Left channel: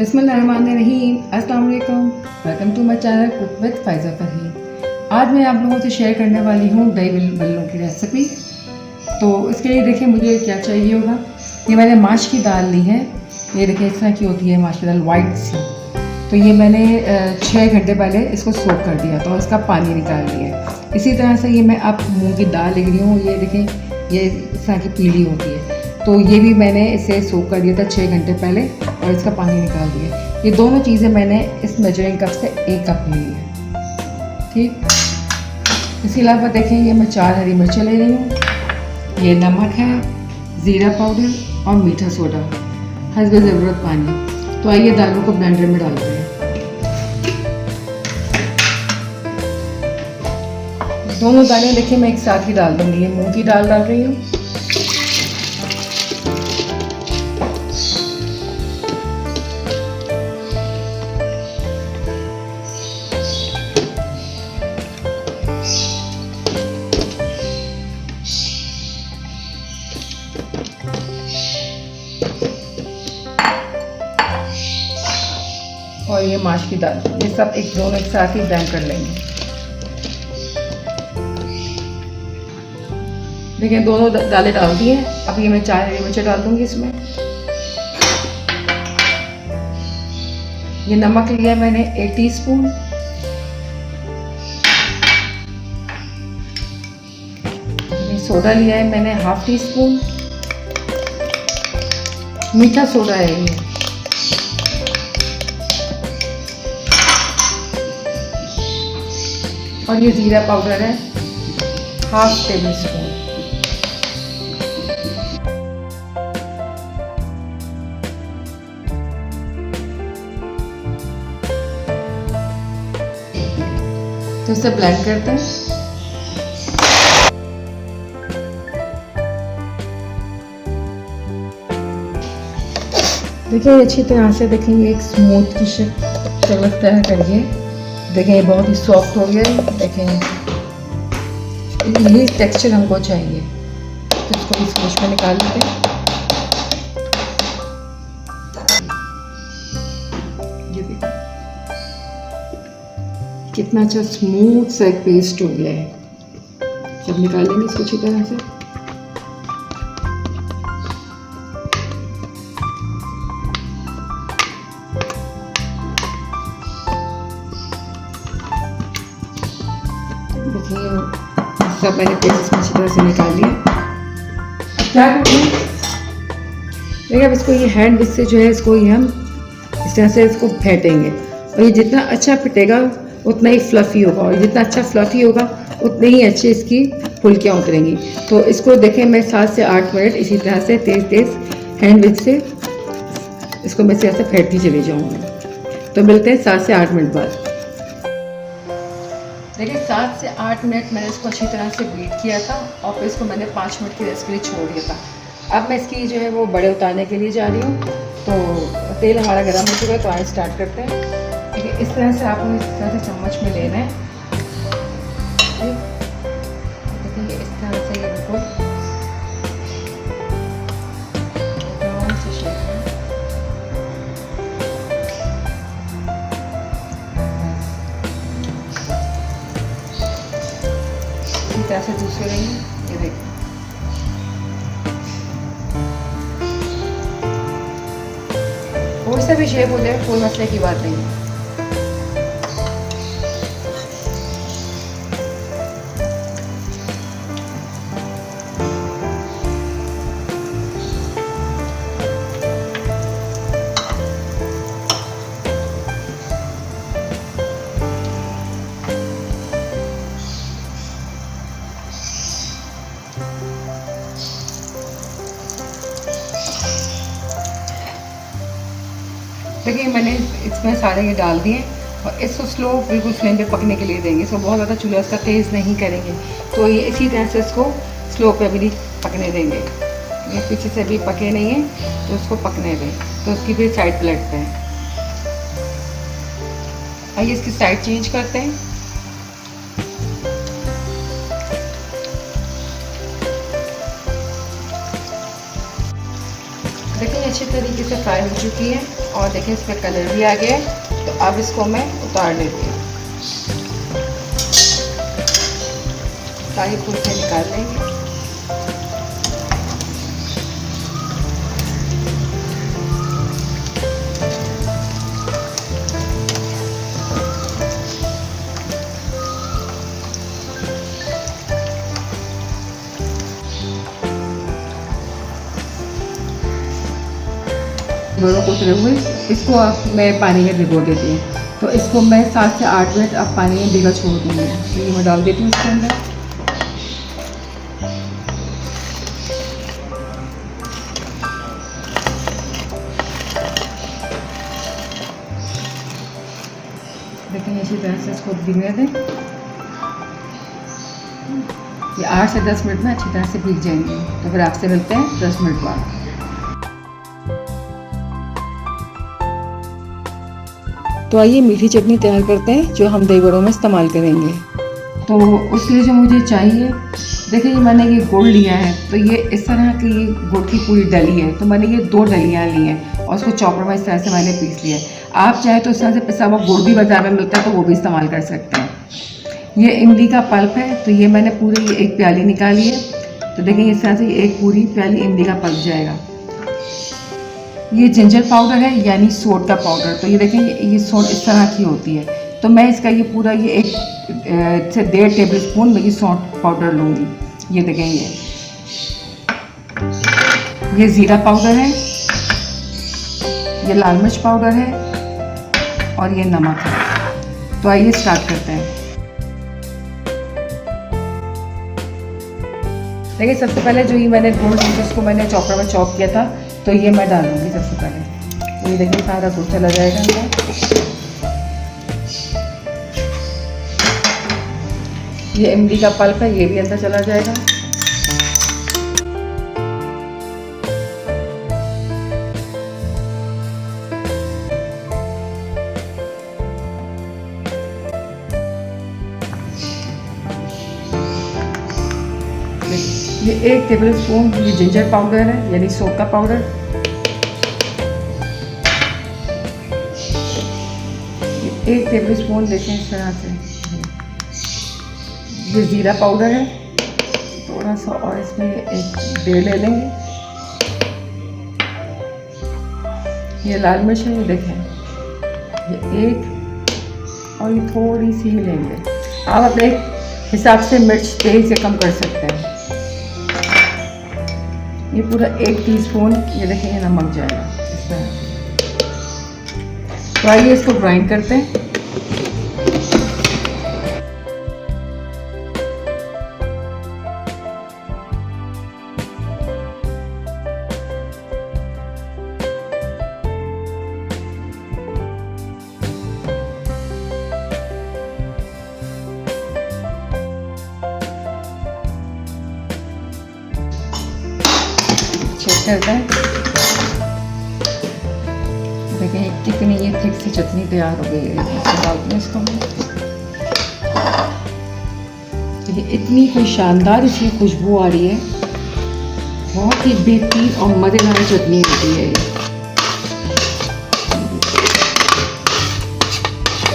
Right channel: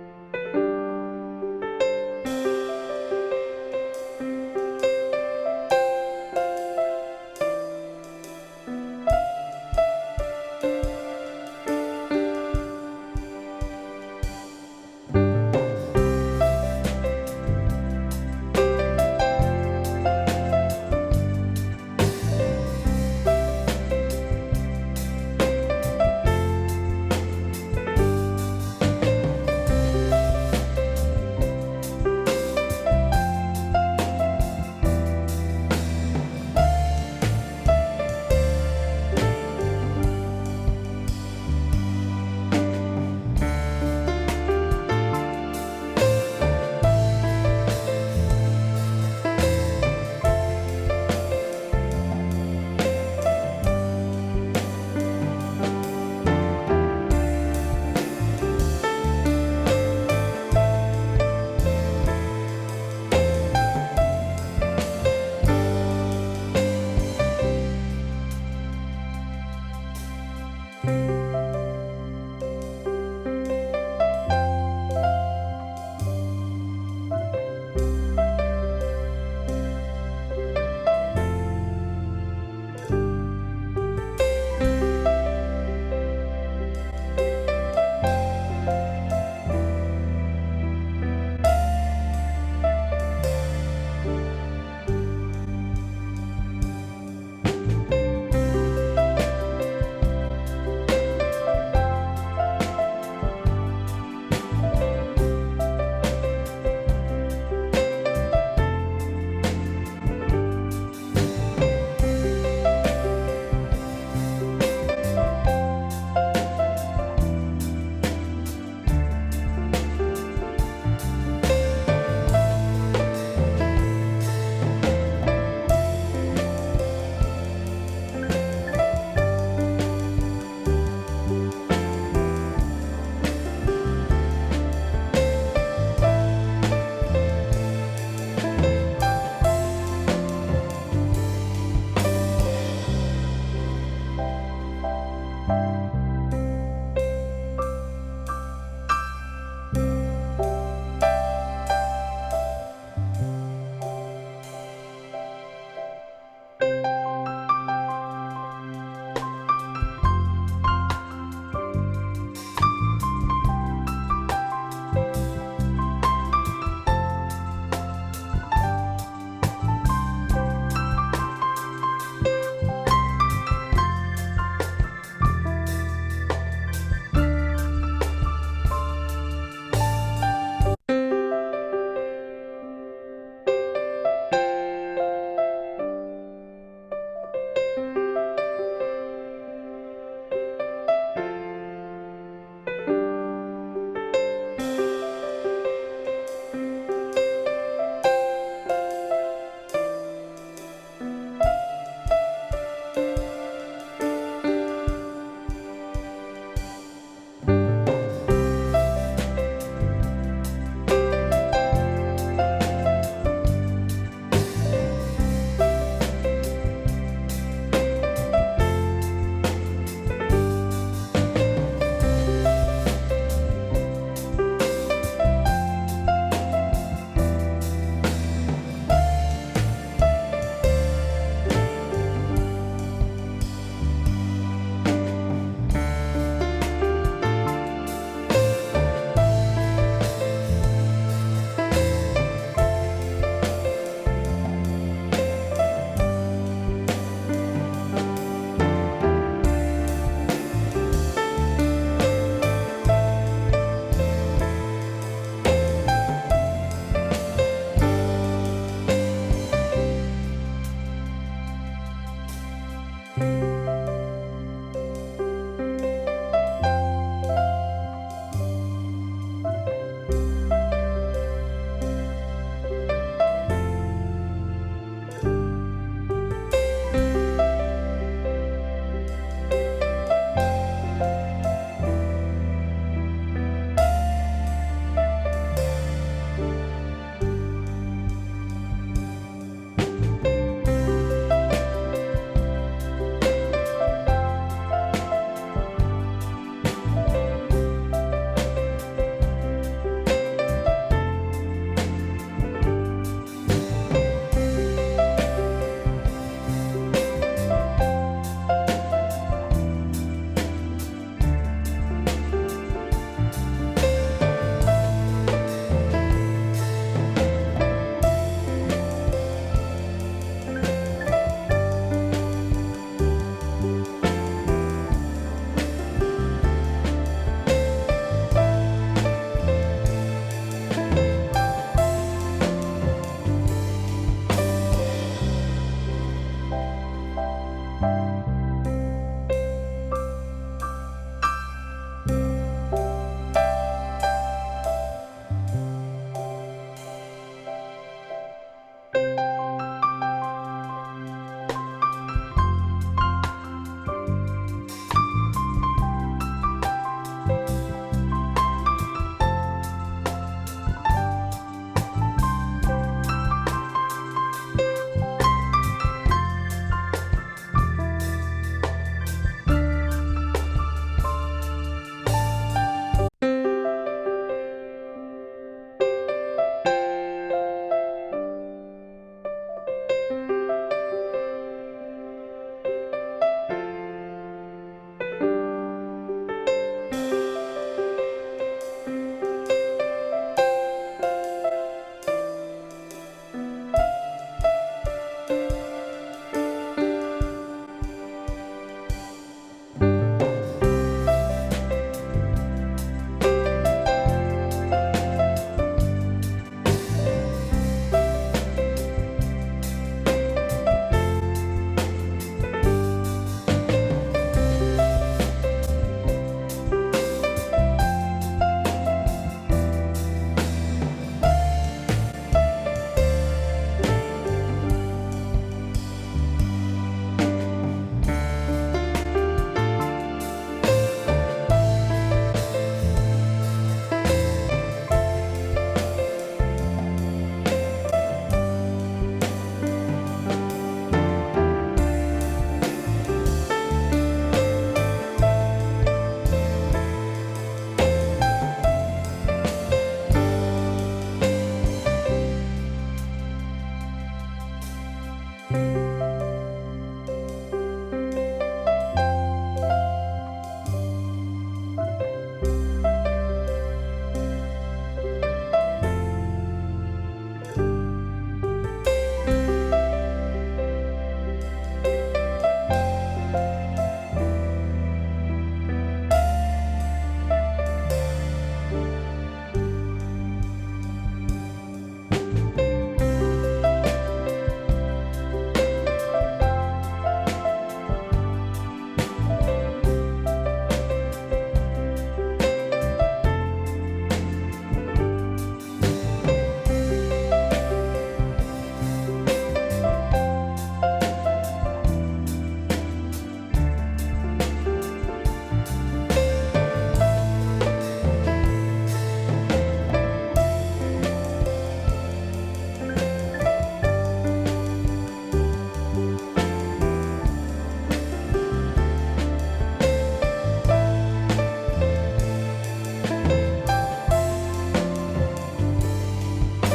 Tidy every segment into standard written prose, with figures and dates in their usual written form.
बिस्मिल्लाहिर्रहमानिर्रहीम, अस्सलाम वालेकुम। Welcome to my channel cook with Faiza Faheem. आज मैं आप लोगों से शेयर करने वाली हूँ दही बल्लों की रेसिपी। तो इसके लिए देखिए मुझे क्या चाहिए होगा। ये मैंने माश की दाल ली है। ये देखिए इस तरह की होती है माश की दाल, वाइट सी। तो ये मैंने 6 घंटे पहले इसको सोक कर दिया था और इसका पानी निकाल लिया। इसी तरह से ये मैं अब मूँग की दाल ले रही हूँ। ये देखिए ये इस तरह की पीली होती है। तो ये भी मैंने इसे सोक कर दिया था 6 घंटे पहले और इसका पानी निकाल दिया। ये दोनों चीज़ें मैंने इस मेजरिंग कप से 1 कप ली है। ठीक, इसके अलावा देखिए ये मैं 4 हरी मिर्चें ले रही हूँ। ये नमक है, ज़ीरा पाउडर और मीठा सोडा, हस्बे ज़रूरत पानी। तो आइए दालों को ब्लेंडर में डालते हैं। दोनों दालें देखिए मैं एक साथ ही डाल दूँगी। ये मूँग की दाल डाल रही हूँ, और ये माश की दाल, ये सब दोनों एक साथ ही ब्लेंड कर लेंगे। देखिए दोनों दालें डाल दी हैं। अब ये मैं 4 हरी मिर्चें डाल दूंगी इसमें। ये नमक लिया है मैंने 1 टीस्पून। ये सोडा लिया है मैंने 1/2 टीस्पून। मीठा सोडा है ये। और ये ज़ीरा पाउडर है 1/2 टेबल स्पून। तो इसे ब्लेंड करते हैं। देखिए अच्छी तरह से देखिए एक स्मूथ की शक्ल तैयार करिए। देखिए ये बहुत ही सॉफ्ट हो गया है। देखिए यही टेक्सचर हमको चाहिए। तो इसको इस डिश में निकाल लेते हैं। ये देखिए कितना अच्छा स्मूथ सा एक पेस्ट हो गया है। जब निकालेंगे इसको अच्छी तरह से, सब मैंने पेस्ट अच्छी तरह से निकाल लिया। क्या करना है, देखिए अब इसको ये हैंड विस्क से जो है इसको ये हम इस तरह से इसको फेंटेंगे। और ये जितना अच्छा फिटेगा उतना ही फ्लफ़ी होगा, और जितना अच्छा फ्लफ़ी होगा उतने ही अच्छे इसकी फुल्कियाँ उतरेंगी। तो इसको देखें मैं 7 से 8 मिनट इसी तरह से तेज़ तेज़ हैंड विस्क से इसको मैं इस तरह से फेंटती चली जाऊँगी। तो मिलते हैं 7 से 8 मिनट बाद। देखिए 7 से 8 मिनट मैंने इसको अच्छी तरह से बीट किया था और फिर इसको मैंने 5 मिनट की रेस्ट के लिए छोड़ दिया था। अब मैं इसकी जो है वो बड़े उतारने के लिए जा रही हूँ। तो तेल हमारा गर्म हो चुका है, तो आगे स्टार्ट करते हैं। देखिए इस तरह से आपको इस तरह से चम्मच में लेना है। ऐसे दूसरे नहीं, ये देखिए और से भी शेप हो जाए, कोई मसले की बात नहीं है। देखिए मैंने इसमें सारे ये डाल दिए और इसको स्लो बिल्कुल फ्लेम पे पकने के लिए देंगे। इसको बहुत ज़्यादा चूल्हा इसका तेज़ नहीं करेंगे। तो ये इसी तरह से इसको स्लो पे भी पकने देंगे। ये पीछे से भी पके नहीं है तो इसको पकने दें। तो उसकी फिर साइड पलटते हैं। आइए इसकी साइड चेंज करते हैं। अच्छे तरीके से फ्राई हो चुकी है और देखिए इसका कलर भी आ गया है। तो अब इसको मैं उतार लेती हूँ, सारी फूल से निकाल लेंगे। दोनों को उतरे हुए इसको अब मैं पानी में भिगो देती हूँ। तो इसको मैं 7 से 8 मिनट अब पानी में भिगा छोड़ दूँगी। तो ये मैं डाल देती हूँ इसके अंदर। देखिए इसी तरह से इसको भिगने दें। ये 8 से 10 मिनट में अच्छी तरह से भीग जाएंगे। तो फिर आपसे मिलते हैं 10 मिनट बाद। तो आइए मीठी चटनी तैयार करते हैं जो हम दही बड़ों में इस्तेमाल करेंगे। तो उसके लिए जो मुझे चाहिए, देखिए मैंने ये गुड़ लिया है। तो ये इस तरह की गुड़ की पूरी डली है। तो मैंने ये 2 डलियाँ ली हैं और उसको चॉपर में इस तरह से मैंने पीस लिया है। आप चाहे तो इस तरह से पिसा हुआ गुड़ भी बाजार में मिलता है, तो वो भी इस्तेमाल कर सकते हैं। ये इमली का पल्प है। तो ये मैंने पूरी ये 1 प्याली निकाली है। तो देखिए इस तरह से एक पूरी प्याली इमली का पल्प जाएगा। ये जिंजर पाउडर है यानी सोट का पाउडर। तो ये देखें ये सोट इस तरह की होती है। तो मैं इसका ये पूरा ये 1 से 1.5 टेबल स्पून मैं ये सोट पाउडर लूँगी। ये देखें ये ज़ीरा पाउडर है, ये लाल मिर्च पाउडर है और ये नमक है। तो आइए स्टार्ट करते हैं। देखिए सबसे पहले जो ये मैंने गुड़ उसको मैंने चॉपर में चॉप किया था, तो ये मैं डालूंगी सबसे पहले। ये देखिए सारा गुड़ चला जाएगा अंदर। ये इमली का पल्प है, ये भी अंदर चला जाएगा। ये 1 टेबल स्पून ये जिंजर पाउडर है यानी सोप का पाउडर। 1 टेबल स्पून देखें इस तरह से ये ज़ीरा पाउडर है। थोड़ा सा और इसमें 1 ले लेंगे। ये लाल मिर्च है, ये देखें ये 1 और ये थोड़ी सी ही लेंगे। आप अपने हिसाब से मिर्च तेज से कम कर सकते हैं। ये पूरा 1 टीस्पून ये देखें ये नमक जाएगा। तो आइए इसको ग्राइंड करते हैं। चेक करते हैं। देखिए कितनी ये थिक सी चटनी तैयार हो गई है। डालते हैं इसको। देखिए इतनी कोई शानदार इसकी खुशबू आ रही है। बहुत ही बेहतरीन और मज़ेदार चटनी होती है।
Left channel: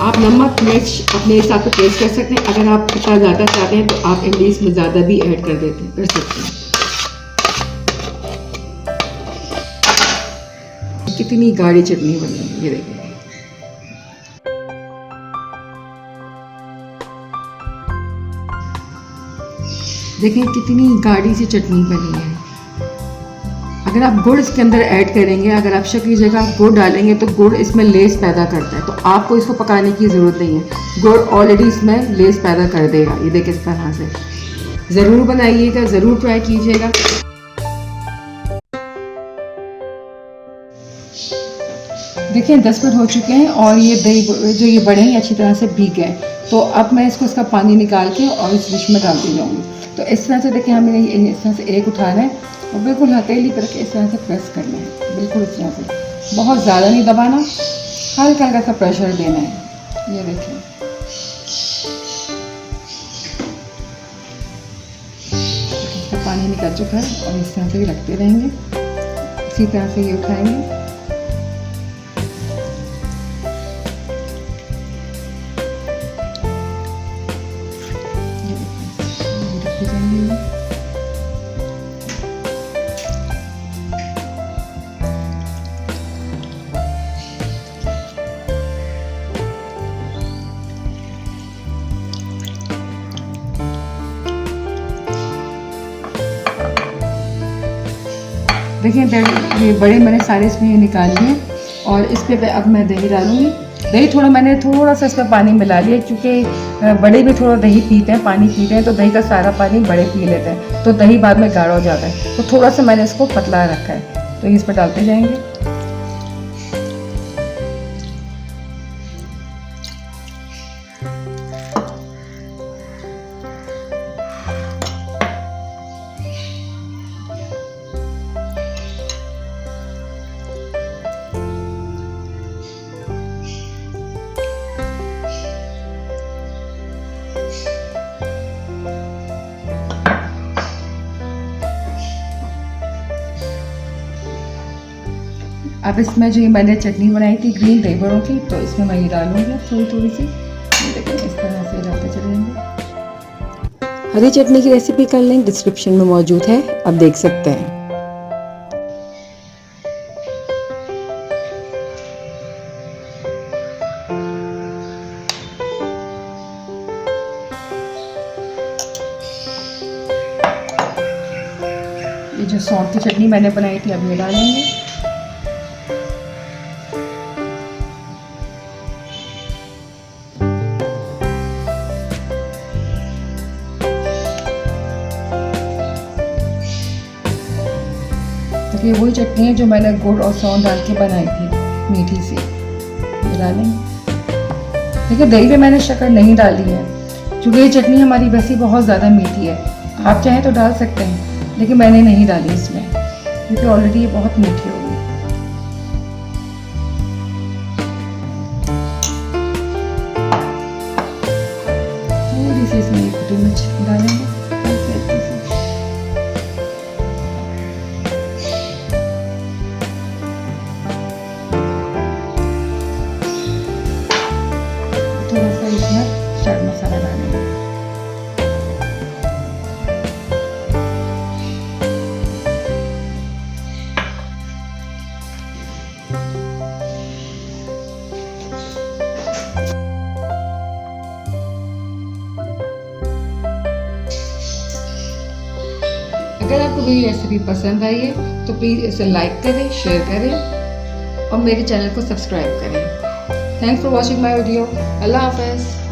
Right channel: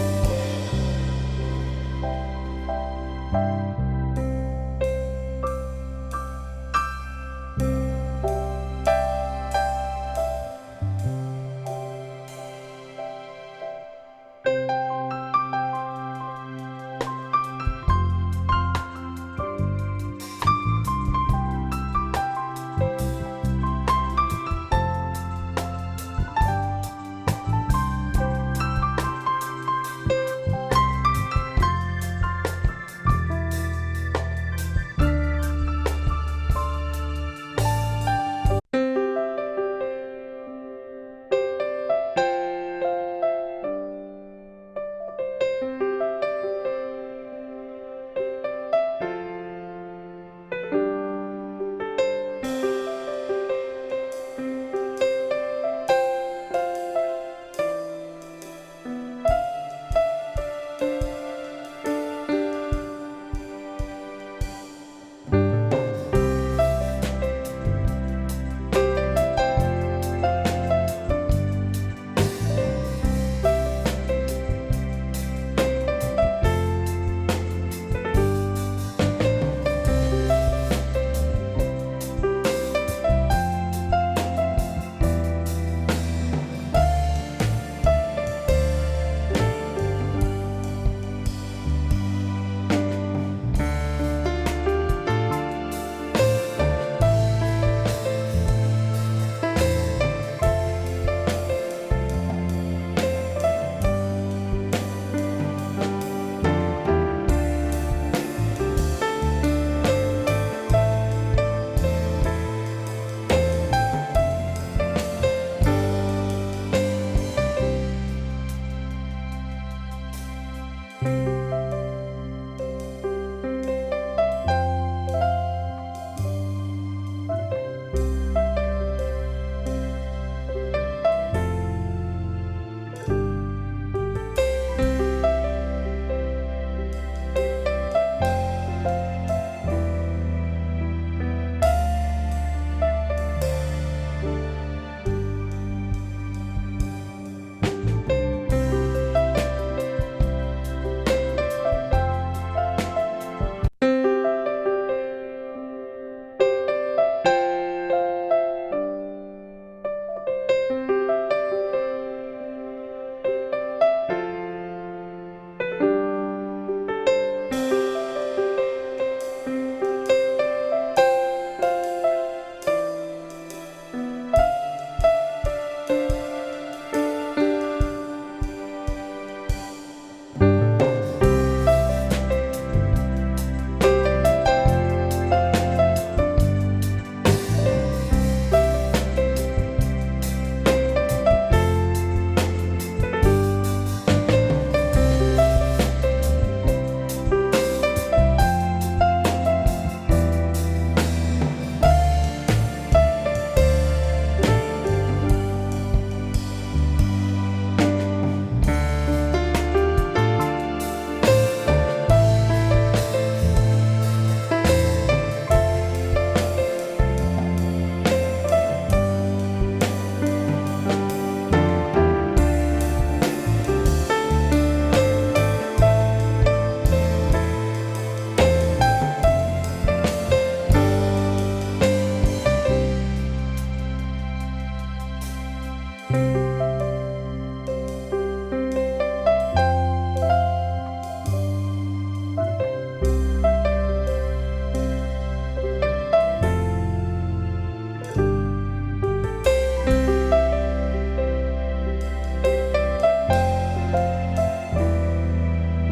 आप नमक मिर्च अपने हिसाब से टेस्ट कर सकते हैं। अगर आप खट्टा ज़्यादा चाहते हैं तो आप इमली इसमें ज़्यादा भी ऐड कर सकते हैं। कितनी गाढ़ी चटनी बनी है ये देखिए। देखिए कितनी गाढ़ी सी चटनी बनी है। अगर आप गुड़ इसके अंदर ऐड करेंगे, अगर आप शक्कर की जगह गुड़ डालेंगे तो गुड़ इसमें लेस पैदा करता है। तो आपको इसको पकाने की ज़रूरत नहीं है। गुड़ ऑलरेडी इसमें लेस पैदा कर देगा। ये देखिए इस तरह से ज़रूर बनाइएगा, ज़रूर ट्राई कीजिएगा। देखिए 10 मिनट हो चुके हैं और ये दही जो ये बड़े हैं अच्छी तरह से भीग गए। तो अब मैं इसको इसका पानी निकाल के और इस डिश में डालती जाऊँगी। तो इस तरह से देखिए हमें इस तरह से एक उठाना है और बिल्कुल हथेली करके इस तरह से प्रेस करना है। बिल्कुल इस तरह से, बहुत ज़्यादा नहीं दबाना, हल्का हल्का सा प्रेशर देना है। ये देखिए पानी निकल चुका है और इस तरह से भी रखते रहेंगे। इसी तरह से ये उठाएंगे। देखिए बड़े मैंने सारे इसमें निकाल लिए और इस पर अब मैं दही डालूँगी। दही मैंने थोड़ा सा इसमें पानी मिला लिया, क्योंकि बड़े भी थोड़ा दही पीते हैं, पानी पीते हैं, तो दही का सारा पानी बड़े पी लेते हैं, तो दही बाद में गाढ़ा हो जाता है। तो थोड़ा सा मैंने इसको पतला रखा है, तो इस पर डालते जाएंगे। अब इसमें जो मैंने चटनी बनाई थी ग्रीन दही बड़ों की, तो इसमें मैं ये डालूंगी थोड़ी थोड़ी सी। देखिए इस तरह से डालते चलेंगे। हरी चटनी की रेसिपी का लिंक डिस्क्रिप्शन में मौजूद है, आप देख सकते हैं। ये जो सौंफ की चटनी मैंने बनाई थी अब ये डालेंगे। ये वही चटनी है जो मैंने गुड़ और सौंफ डाल के बनाई थी, मीठी सी, डालेंगे। देखिए दही पे मैंने शक्कर नहीं डाली है, क्योंकि ये चटनी हमारी वैसे बहुत ज़्यादा मीठी है। आप चाहें तो डाल सकते हैं, लेकिन मैंने नहीं डाली इसमें, क्योंकि ऑलरेडी ये बहुत मीठी है। अगर आपको मेरी रेसिपी पसंद आई है तो प्लीज़ इसे लाइक करें, शेयर करें और मेरे चैनल को सब्सक्राइब करें। Thanks for watching my video. अल्लाह हाफ़िज़।